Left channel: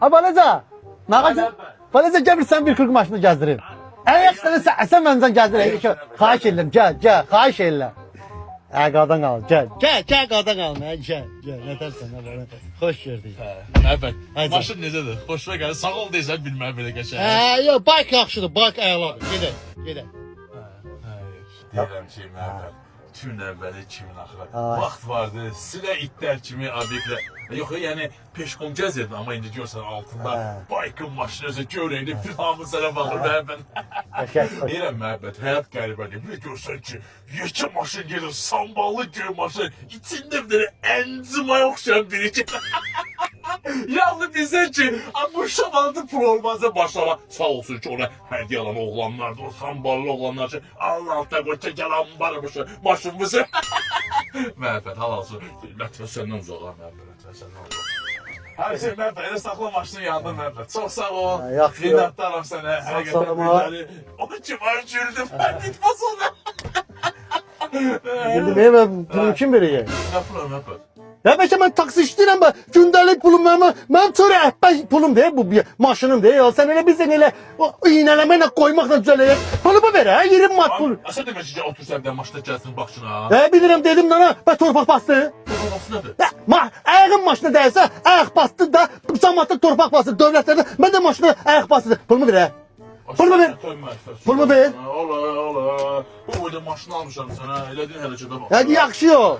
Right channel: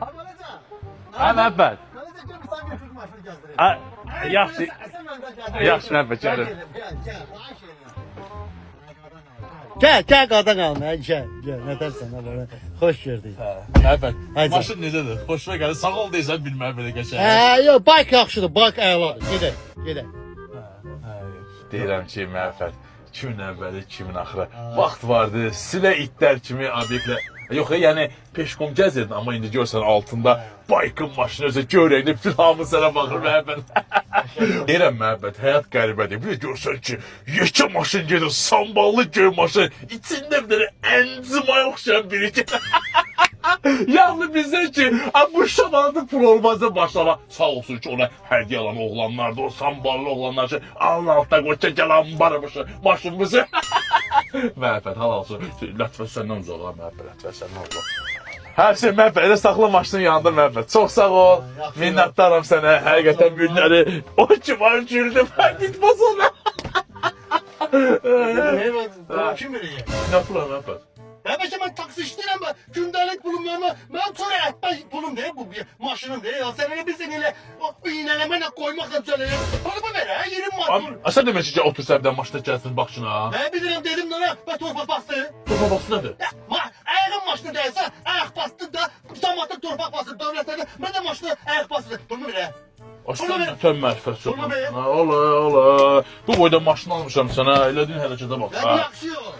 Ha balaca. Məhəbbət. Balaca gəl bir sən bir 40 maşını gəzdirim. Yaxşı. Sən məndən gəzdir. Yaxşı, Məhəbbət, Xahiş gəlir. edirəm, gəl, xahiş edirəm. Qadan al, gəl, qadan al, gəl, nə tərsən belə. Xoş gördük. Məhəbbət. Haydi. Maşın necədir? Xoşuma gəlir. Sağ ol deyirsən bilməm belə qəşəng. Yox, bayk yaxşıdır, bayk əladır. Gedək. Deyirəm ki, Məhəbbət. Kimin əvvəli, kimin axırı. Vaxt vardı, silə itlər kimi obyektlər. Yox, yəni peşkom gəzirdin, amma indi görsən altında baykın maşını özü görəkli bir hamı sənə baxır Məhəbbət. Deyirəm Məhəbbət, həyat qəribədir. Bir də görsən ki, yekə maşın gedir, samballı göy maşın, içində bir dənə əncimaya oxşayan biri ki. Yalnız bizə ki, bu şamandı pul olmazsa başlama. Sağ olsun ki, ona hədiyyə alan oğlanlardı, o samballı oğlanlar ki, alın alta qoça gəlan barmışı, maşınımızı. Məhəbbət, halal olsun. Lətvə səndən uzağa, Məhəbbət, lətvə səndən uzağa. Hər şey Məhəbbət, elə saxla maşının yanında Məhəbbət. Çox sağ ol, minnətdaram sənə, həqiqətən günləri. O ki var güldüm, bitmez ona. Mən pulumu kim verəcək? Nə pula Məhəbbət? Ya bəlkə mən taksi işləyirəm, gündəlik pulum mənim çörə əhbə pulum deyil, bu maşınım deyil. Sən elə bilsən elə iynələməklə qoymaqla düzələcək. Pulumu ver, 20 manat pul. Sən demək ki, otur səbdən maşına gəlsin baxçına. Bilirəm dedim nana, torpaq bastı. Torpaq bastı nədir? Ayağın maşına dəysə, ayaq bastı da, cəmaatda torpaq bastı, dövlətlərdə. Mən də maşına ayaq bastı. Pulumu ver. Pulumu ver. Pulumu ver. Ola. Bu boyda maşın almışam sənə, elədin hərəkətə bax. Hadi yaxşı yol.